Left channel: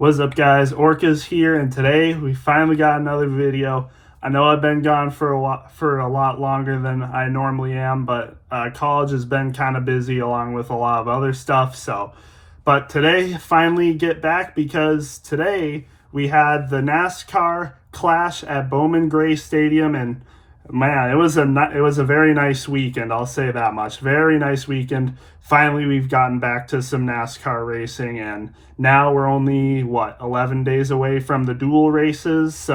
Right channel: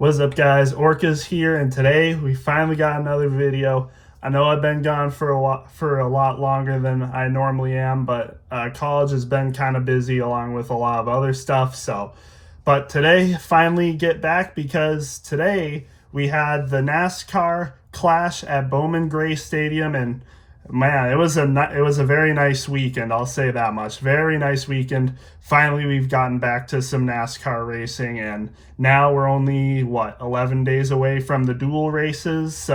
What's up, guys? Orca's here, and today we finally got another video. I know I've been gone for a lot longer than I normally am, but college has been kind of busy along with a lot of other stuff. But today finally get back because today we had the NASCAR clash at Bowman Gray Stadium, and man, it was a very nice weekend. I'll say that much. Very nice weekend. Finally, we've gotten back to some NASCAR racing, and now we're only 11 days away from the dual races.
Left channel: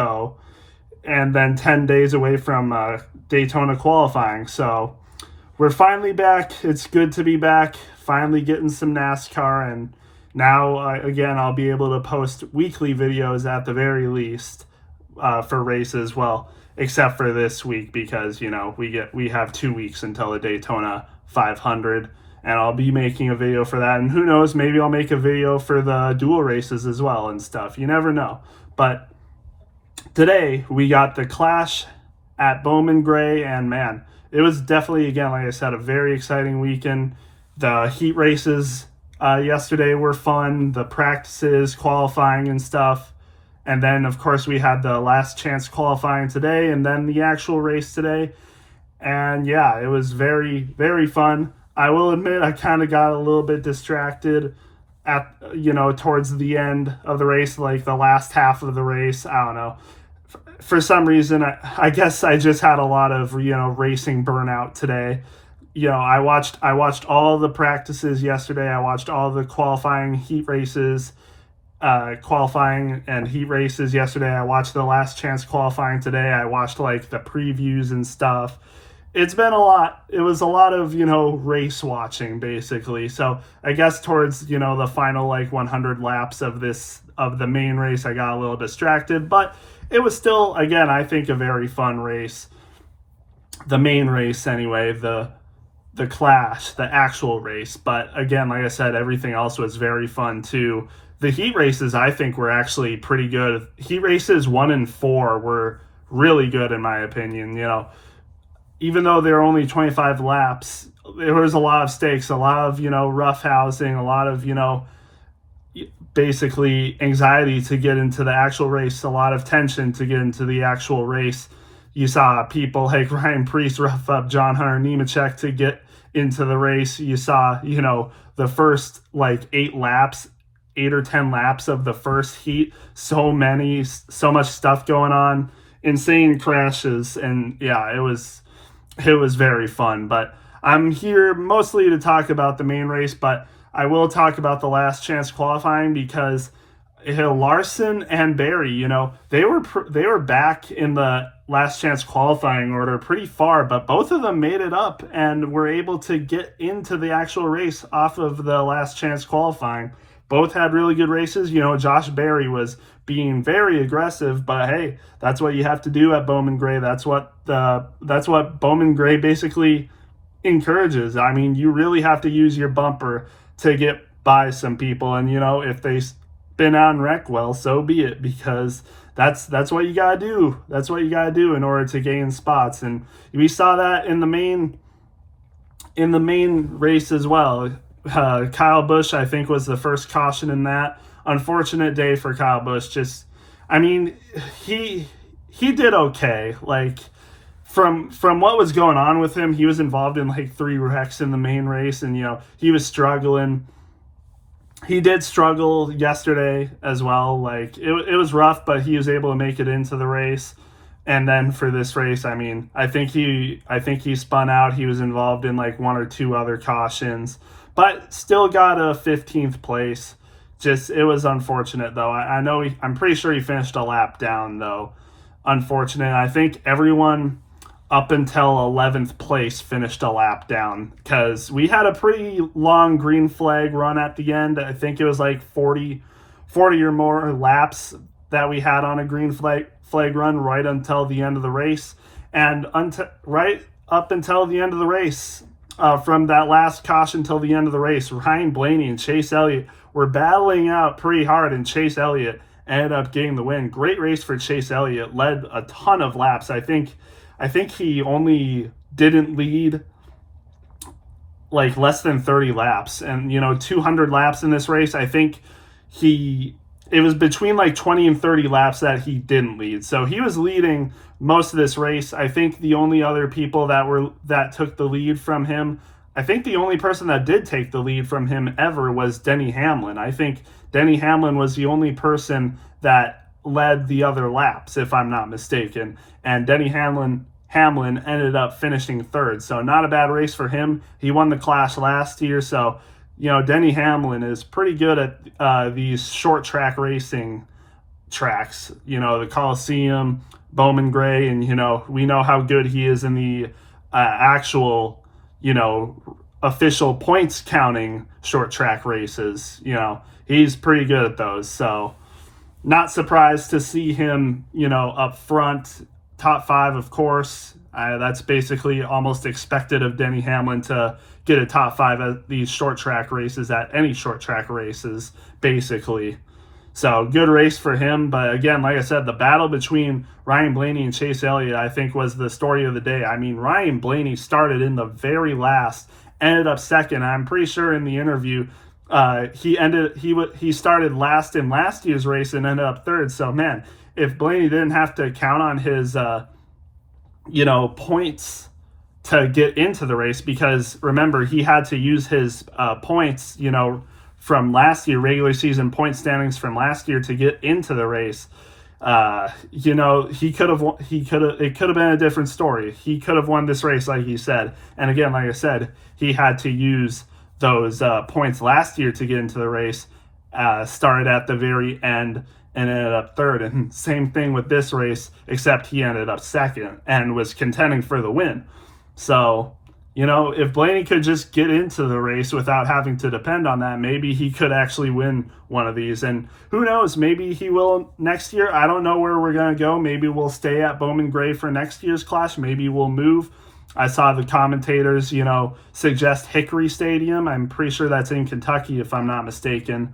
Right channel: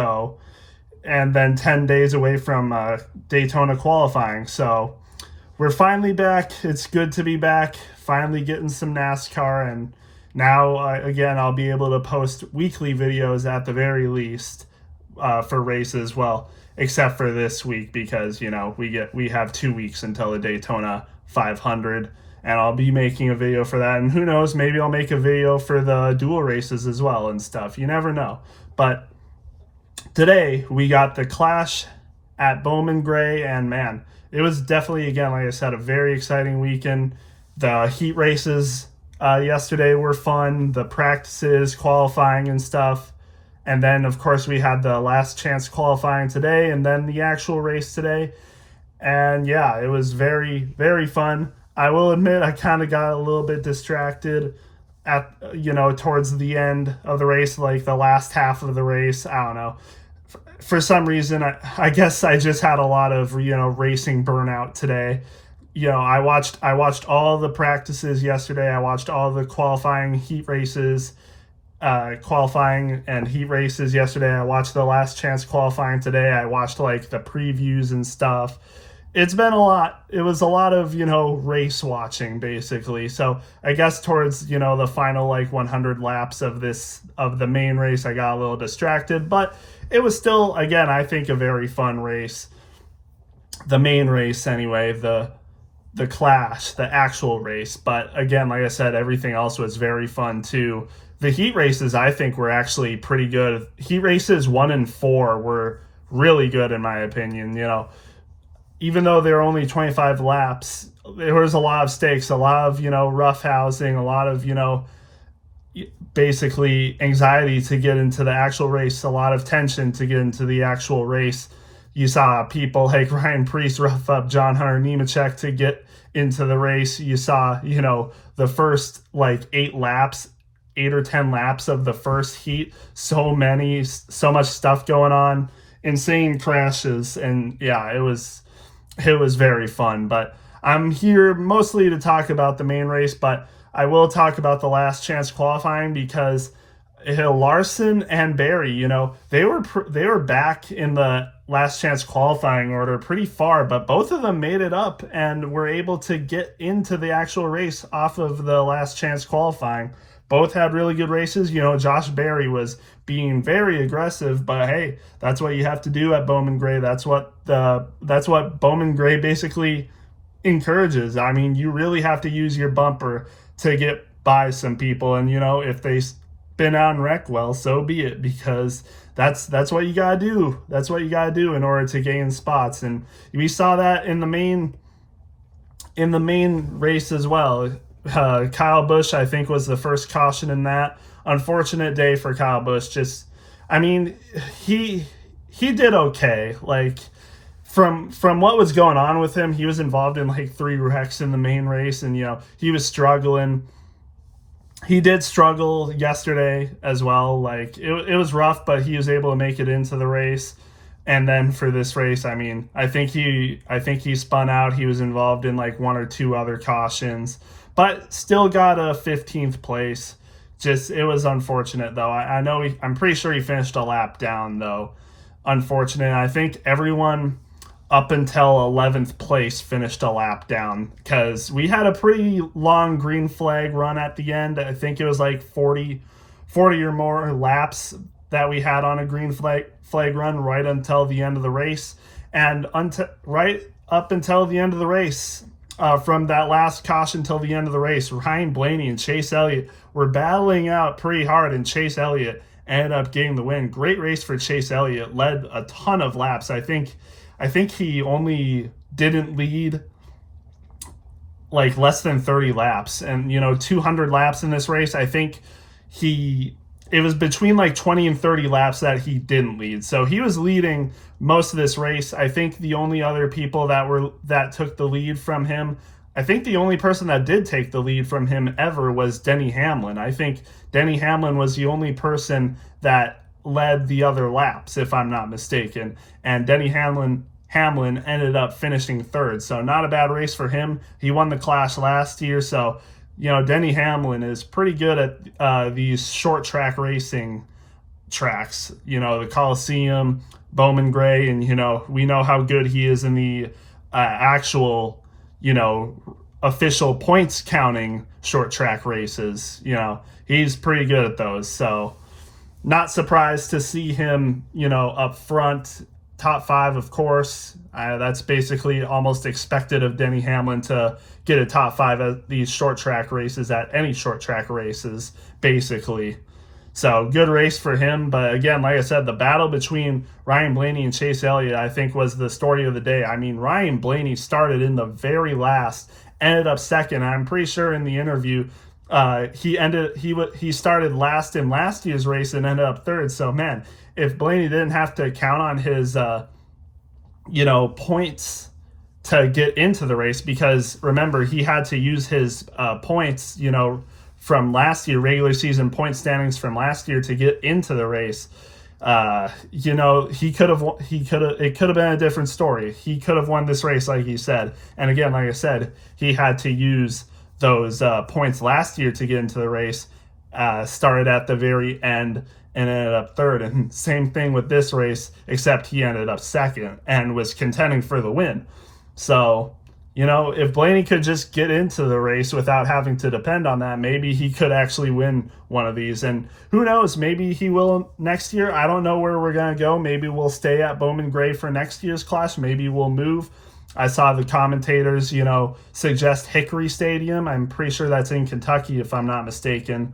And then 10 days away from Daytona qualifying. So we're finally back. It's good to be back. Finally getting some NASCAR, and now again I'll be able to post weekly videos at the very least for races. Well, except for this week because we have 2 weeks until the Daytona 500, and I'll be making a video for that. And who knows, maybe I'll make a video for the dual races as well and stuff. You never know. But today we got the clash at Bowman Gray, and man, it was definitely, again, like I said, a very exciting weekend. The heat races yesterday were fun. The practices, qualifying and stuff. And then, of course, we had the last chance qualifying today and then the actual race today. And yeah, it was very, very fun. I will admit I kind of got a little bit distracted at, towards the end of the race, like the last half of the race. I don't know. For some reason, I guess I just had a lot of, racing burnout today. I watched all the practices yesterday. I watched all the qualifying heat races. Qualifying and heat races yesterday. I watched the last chance qualifying today. I watched like the previews and stuff. It's been a lot. It was a lot of, race watching basically. So I guess towards, the final 100 laps of the main race, I got a little distracted, but it was still, again, I think a very fun race. The main race anyway, the clash, the actual race. But again, like I said, everything else was very fun too. The heat races, I think, were actually pretty good. Heat races 1 and 4 were really good, in my opinion. Even though they were only 25 laps, there was a lot of stakes, a lot of, roughhousing, a lot of, basically anxiety to get into the actual race, a lot of tension to get into the actual race. You saw people like Ryan Preece rough up John Hunter Nemechek to get into the race. You saw, the first 8 or 10 laps of the first heat, so much stuff going on, insane crashes, and yeah, it was very fun. But I'm here mostly to talk about the main race, but I will talk about the last chance qualifying because Larson and Barry, they were back in the last chance qualifying order pretty far, but both of them made it up and were able to get into the actual race off of the last chance qualifying. Both had really good races. Josh Berry was being very aggressive, but hey, that's what you have to do at Bowman Gray. That's what Bowman Gray basically encourages. I mean, you really have to use your bumper to get by some people, and if they spin out and wreck, well, so be it, because that's what you gotta do. That's what you gotta do in order to gain spots, and we saw that in the main race as well. Kyle Busch, I think, was the first caution in that. Unfortunate day for Kyle Busch. He did okay. From what was going on with him, he was involved in 3 wrecks in the main race, and he was struggling. He did struggle yesterday as well. It was rough, but he was able to make it into the race. And then for this race, I think he spun out. He was involved in 1 or 2 other cautions, but still got a 15th place. It was unfortunate though. I'm pretty sure he finished a lap down though. Unfortunate. I think everyone up until 11th place finished a lap down because we had a pretty long green flag run at the end. I think it was 40 or more laps that we had on a green flag run right until the end of the race. And right up until the end of the race, from that last caution till the end of the race, Ryan Blaney and Chase Elliott were battling out pretty hard, and Chase Elliott ended up getting the win. Great race for Chase Elliott, led a ton of laps. I think he only didn't lead less than 30 laps, and 200 laps in this race. I think he it was between like 20 and 30 laps that he didn't lead. So he was leading most of this race. I think the only other people that took the lead from him, I think the only person that did take the lead from him ever was Denny Hamlin. I think Denny Hamlin was the only person that led the other laps, if I'm not mistaken. And Denny Hamlin ended up finishing third. So not a bad race for him. He won the Clash last year. So, Denny Hamlin is pretty good at these short track racing tracks, the Coliseum, Bowman Gray, and, we know how good he is in the actual, official points counting short track races. He's pretty good at those. So not surprised to see him, up front, top 5, of course. That's basically almost expected of Denny Hamlin to get a top 5 at these short track races, at any short track races, basically. So good race for him. But again, like I said, the battle between Ryan Blaney and Chase Elliott, I think, was the story of the day. I mean, Ryan Blaney started in the very last, ended up second. I'm pretty sure in the interview, he started last in last year's race and ended up third. So man, if Blaney didn't have to count on his points to get into the race, because remember, he had to use his points, from last year, regular season point standings from last year, to get into the race. It could have been a different story. He could have won this race, like he said. And again, like I said, he had to use those points last year to get into the race. Started at the very end and ended up third. And same thing with this race, except he ended up second and was contending for the win. So, if Blaney could just get into the race without having to depend on that, maybe he could actually win one of these. And who knows, maybe he will next year. I don't know where we're going to go. Maybe we'll stay at Bowman Gray for next year's Clash. Maybe we'll move. I saw the commentators, suggest Hickory Stadium. I'm pretty sure that's in Kentucky, if I'm not mistaken.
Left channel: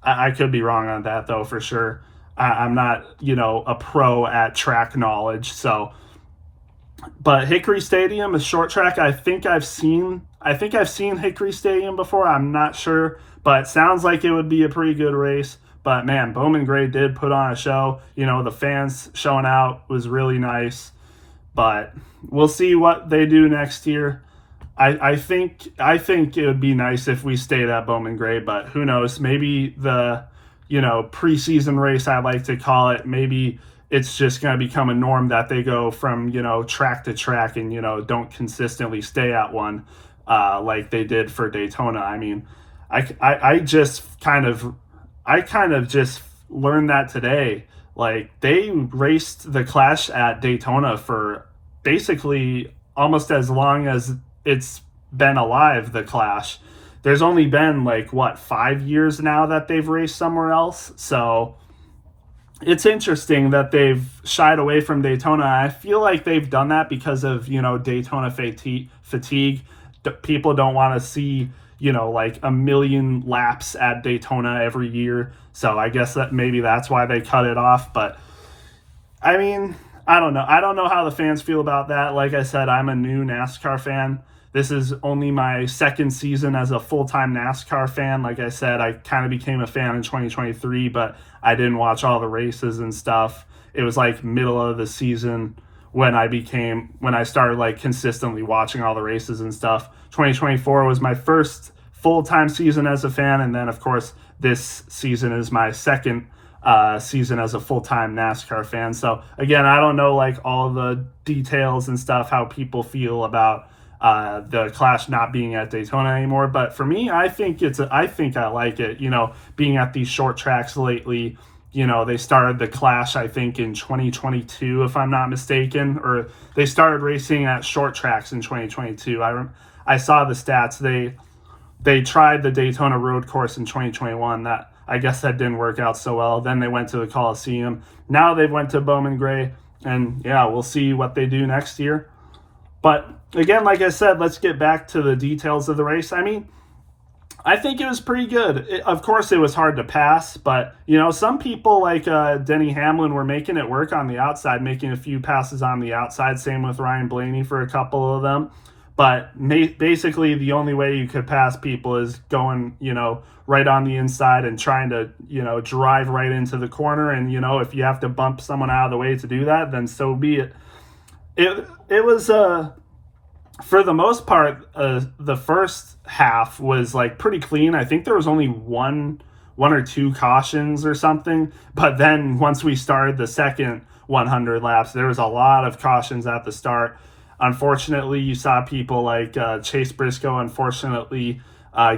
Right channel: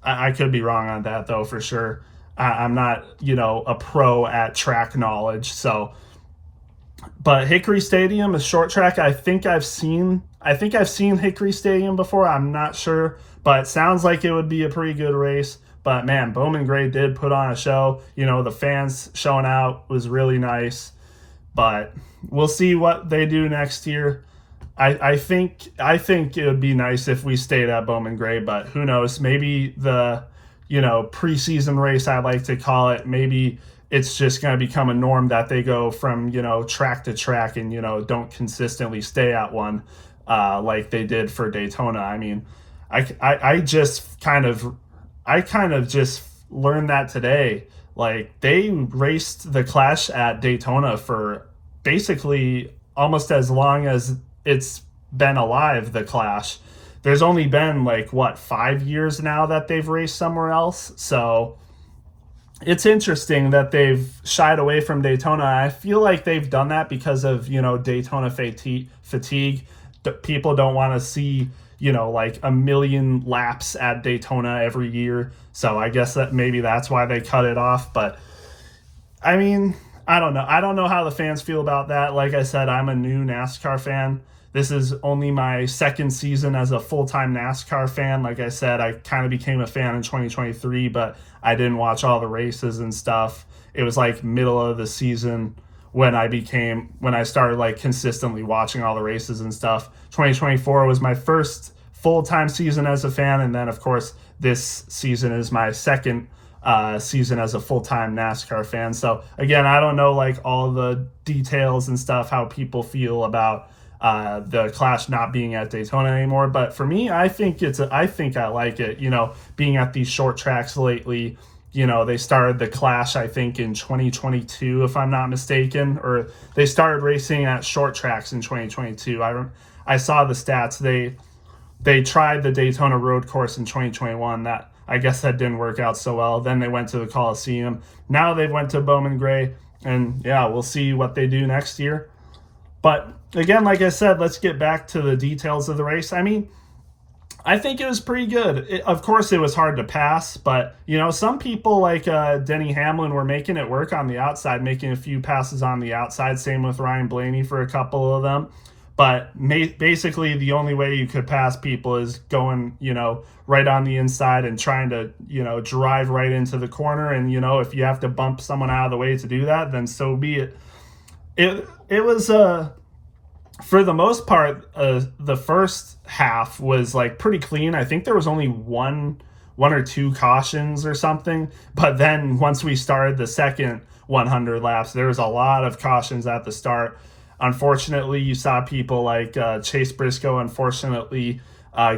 I could be wrong on that, though, for sure. I'm not, a pro at track knowledge. So, but Hickory Stadium is short track. I think I've seen Hickory Stadium before. I'm not sure, but it sounds like it would be a pretty good race. But man, Bowman Gray did put on a show. The fans showing out was really nice. But we'll see what they do next year. I think it would be nice if we stayed at Bowman Gray, but who knows? Maybe the preseason race, I like to call it, maybe it's just going to become a norm that they go from track to track and don't consistently stay at one like they did for Daytona. I mean, I kind of just learned that today. Like, they raced the Clash at Daytona for basically almost as long as it's been alive, the Clash. There's only been 5 years now that they've raced somewhere else. So it's interesting that they've shied away from Daytona. I feel like they've done that because of, Daytona fatigue. People don't want to see, a million laps at Daytona every year. So I guess that maybe that's why they cut it off. But I mean, I don't know. I don't know how the fans feel about that. Like I said, I'm a new NASCAR fan. This is only my second season as a full-time NASCAR fan. Like I said, I kind of became a fan in 2023, but I didn't watch all the races and stuff. It was middle of the season when I started consistently watching all the races and stuff. 2024 was my first full-time season as a fan, and then of course this season is my second season as a full-time NASCAR fan. So again, I don't know all the details and stuff, how people feel about the Clash not being at Daytona anymore. But for me, I think I like it, being at these short tracks lately. They started the Clash, I think, in 2022, if I'm not mistaken, or they started racing at short tracks in 2022. I saw the stats. They tried the Daytona road course in 2021. I guess that didn't work out so well. Then they went to the Coliseum. Now they went to Bowman Gray, and yeah, we'll see what they do next year. But again, like I said, let's get back to the details of the race. I mean, I think it was pretty good. Of course, it was hard to pass, but, some people like Denny Hamlin were making it work on the outside, making a few passes on the outside. Same with Ryan Blaney for a couple of them. But basically, the only way you could pass people is going, right on the inside and trying to, drive right into the corner. And, if you have to bump someone out of the way to do that, then so be it. It was, for the most part, the first half was like pretty clean. I think there was only one or two cautions or something. But then once we started the second 100 laps, there was a lot of cautions at the start. Unfortunately, you saw people like Chase Briscoe, unfortunately,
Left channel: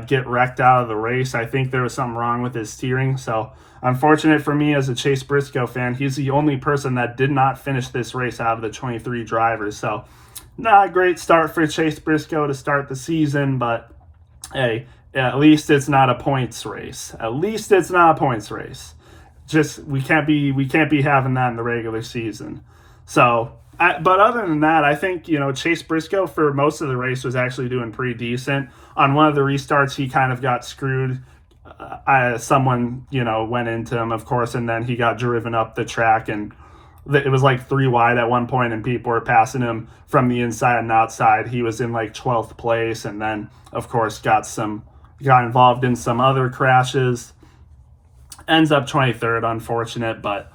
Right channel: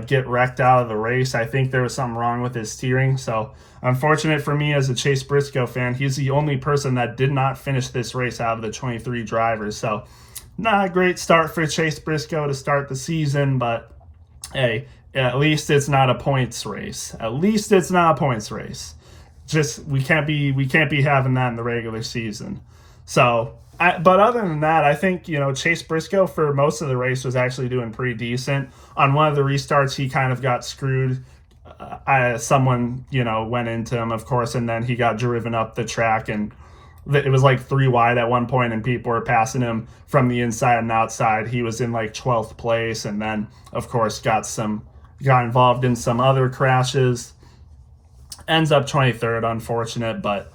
get wrecked out of the race. I think there was something wrong with his steering. So unfortunate for me as a Chase Briscoe fan, he's the only person that did not finish this race out of the 23 drivers. So not a great start for Chase Briscoe to start the season, but hey, at least it's not a points race. At least it's not a points race. Just we can't be having that in the regular season. So but other than that, I think, Chase Briscoe for most of the race was actually doing pretty decent. On one of the restarts, he kind of got screwed. Someone, went into him, of course, and then he got driven up the track, and it was like 3 wide at one point, and people were passing him from the inside and outside. He was in like 12th place, and then, of course, got involved in some other crashes. Ends up 23rd, unfortunate. But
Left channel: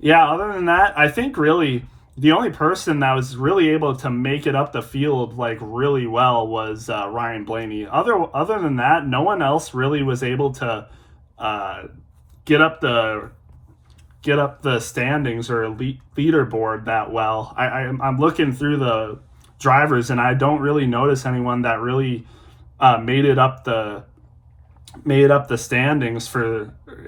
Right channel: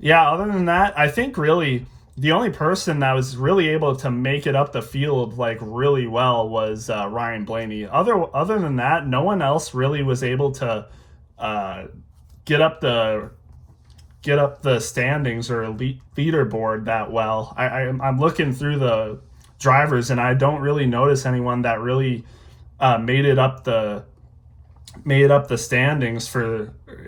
yeah, other than that, I think really the only person that was really able to make it up the field like really well was Ryan Blaney. Other than that, no one else really was able to get up the standings or leaderboard that well. I'm looking through the drivers, and I don't really notice anyone that really made it up the standings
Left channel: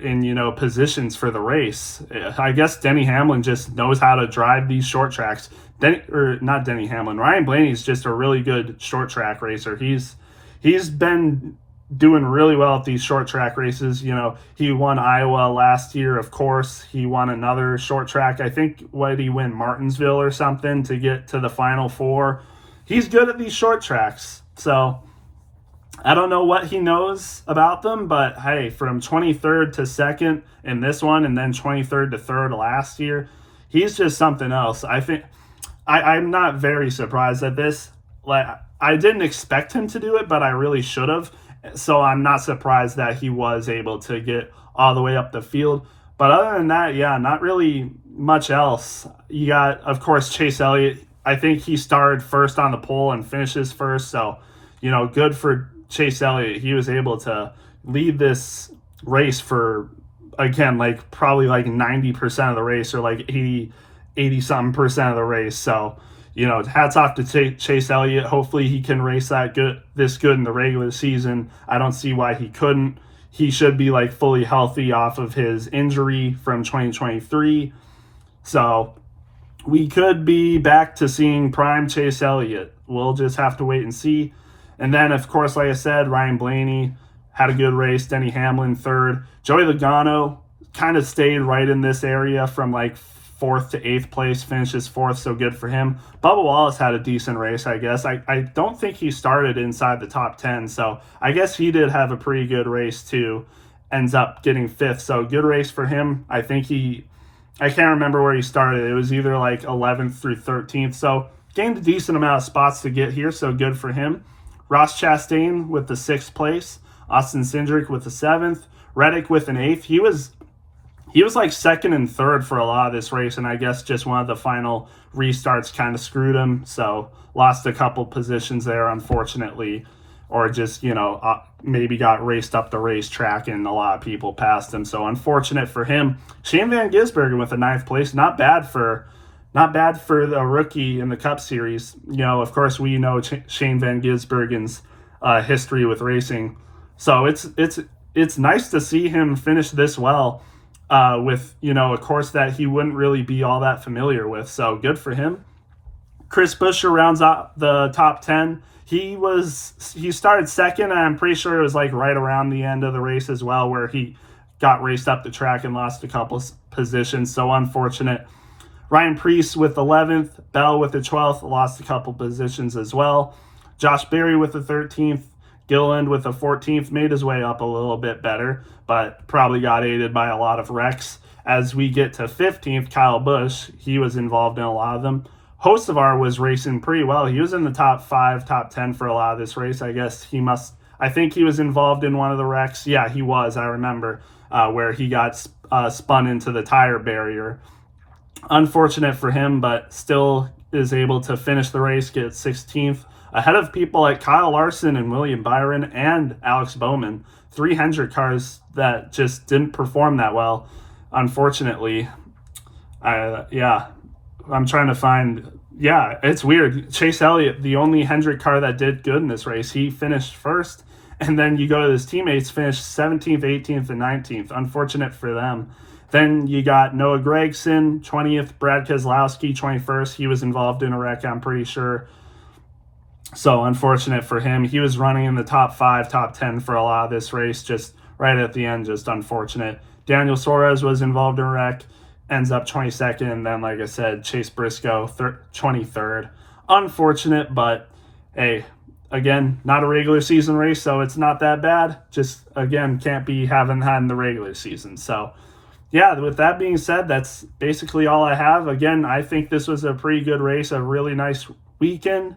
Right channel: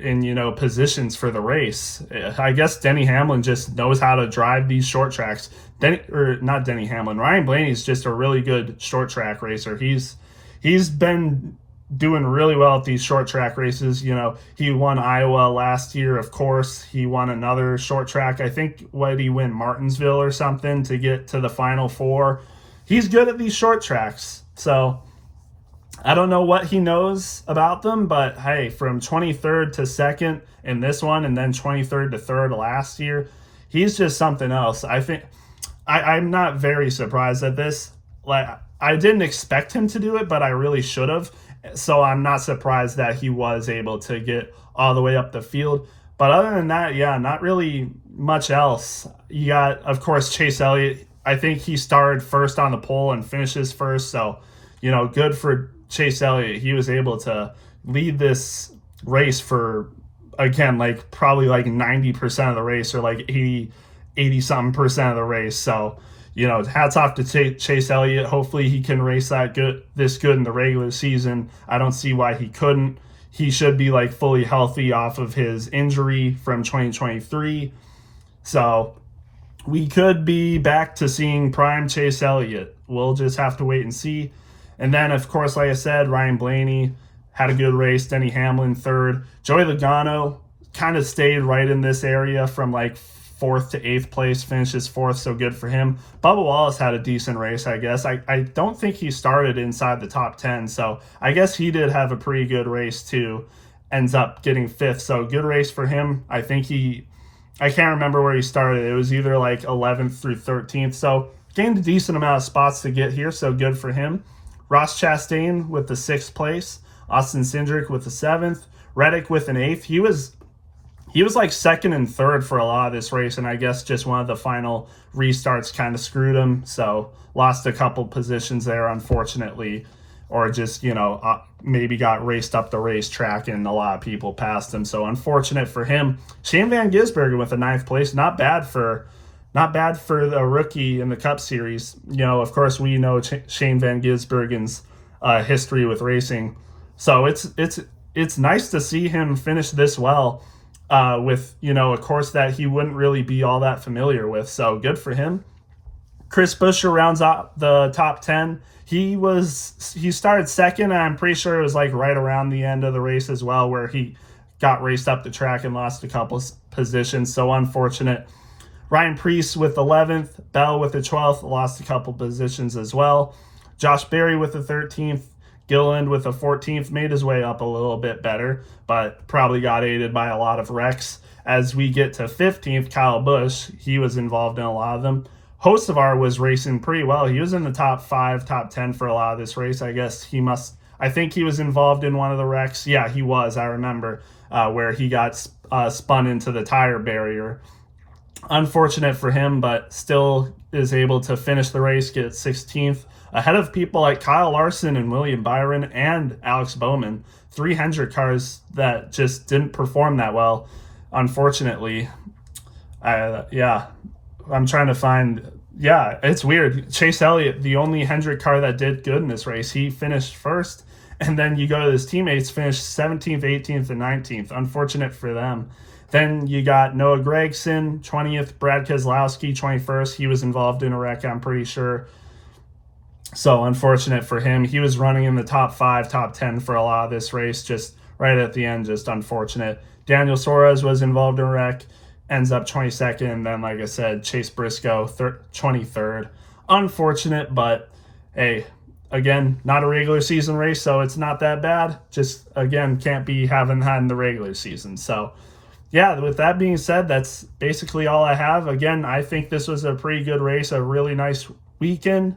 in positions for the race. I guess Denny Hamlin just knows how to drive these short tracks. Not Denny Hamlin. Ryan Blaney's just a really good short track racer. He's been doing really well at these short track races. He won Iowa last year, of course. He won another short track. I think what did he win, Martinsville or something, to get to the Final Four. He's good at these short tracks. So I don't know what he knows about them, but hey, from 23rd to 2nd in this one, and then 23rd to 3rd last year, he's just something else. I think I'm not very surprised at this. Like, I didn't expect him to do it, but I really should have. So I'm not surprised that he was able to get all the way up the field. But other than that, yeah, not really much else. You got, of course, Chase Elliott. I think he started first on the pole and finishes first. So, good for Chase Elliott. He was able to lead this race for, again, like probably like 90% of the race, or like 80 something percent of the race. So, hats off to Chase Elliott. Hopefully he can race this good in the regular season. I don't see why he couldn't. He should be like fully healthy off of his injury from 2023. So we could be back to seeing prime Chase Elliott. We'll just have to wait and see. And then, of course, like I said, Ryan Blaney had a good race. Denny Hamlin 3rd. Joey Logano kind of stayed right in this area from like 4th to 8th place, finishes 4th, so good for him. Bubba Wallace had a decent race, I guess. I don't think he started inside the top 10, so I guess he did have a pretty good race too. Ends up getting 5th, so good race for him. I think I can't remember where he started. It was either like 11th through 13th, so gained a decent amount of spots to get here, so good for him. Ross Chastain with the 6th place. Austin Cindric with the 7th. Reddick with an 8th. He was like 2nd and 3rd for a lot of this race, and I guess just one of the final restarts kind of screwed him. So lost a couple positions there, unfortunately, or just, maybe got raced up the racetrack and a lot of people passed him. So unfortunate for him. Shane Van Gisbergen with a 9th place. Not bad for the rookie in the Cup Series. Of course, we know Shane Van Gisbergen's history with racing. So it's nice to see him finish this well with, a course that he wouldn't really be all that familiar with. So good for him. Chris Buescher rounds out the top 10. He started 2nd, and I'm pretty sure it was like right around the end of the race as well, where he got raced up the track and lost a couple positions. So unfortunate. Ryan Preece with 11th, Bell with the 12th, lost a couple positions as well. Josh Berry with the 13th, Gilliland with the 14th, made his way up a little bit better, but probably got aided by a lot of wrecks. As we get to 15th, Kyle Busch, he was involved in a lot of them. Hocevar was racing pretty well. He was in the top 5, top 10 for a lot of this race. I think he was involved in one of the wrecks. Yeah, he was. I remember where he got spun into the tire barrier. Unfortunate for him, but still is able to finish the race, get 16th, ahead of people like Kyle Larson and William Byron and Alex Bowman. 300 cars that just didn't perform that well, unfortunately. I'm trying to find. Yeah, it's weird. Chase Elliott, the only Hendrick car that did good in this race, he finished first. And then you go to his teammates, finished 17th, 18th, and 19th. Unfortunate for them. Then you got Noah Gragson, 20th, Brad Keselowski, 21st. He was involved in a wreck, I'm pretty sure. So unfortunate for him. He was running in the top 5, top 10 for a lot of this race, just right at the end, just unfortunate. Daniel Suarez was involved in a wreck, ends up 22nd. And then, like I said, Chase Briscoe, 23rd. Unfortunate, but hey, again, not a regular season race, so it's not that bad. Just, again, can't be having that in the regular season. So, yeah, with that being said, that's basically all I have. Again, I think this was a pretty good race, a really nice weekend.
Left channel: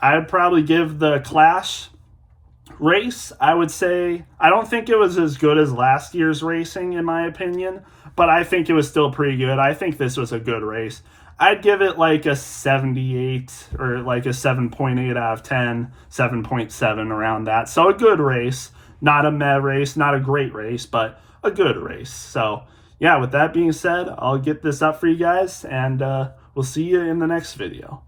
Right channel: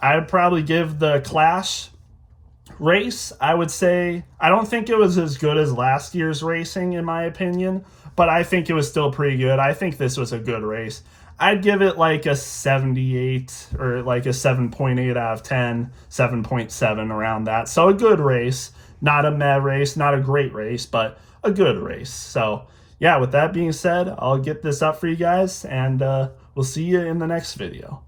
I'd probably give the Clash race, I would say, I don't think it was as good as last year's racing, in my opinion, but I think it was still pretty good. I think this was a good race. I'd give it like a 78 or like a 7.8 out of 10, 7.7 around that. So a good race, not a meh race, not a great race, but a good race. So yeah, with that being said, I'll get this up for you guys, and we'll see you in the next video.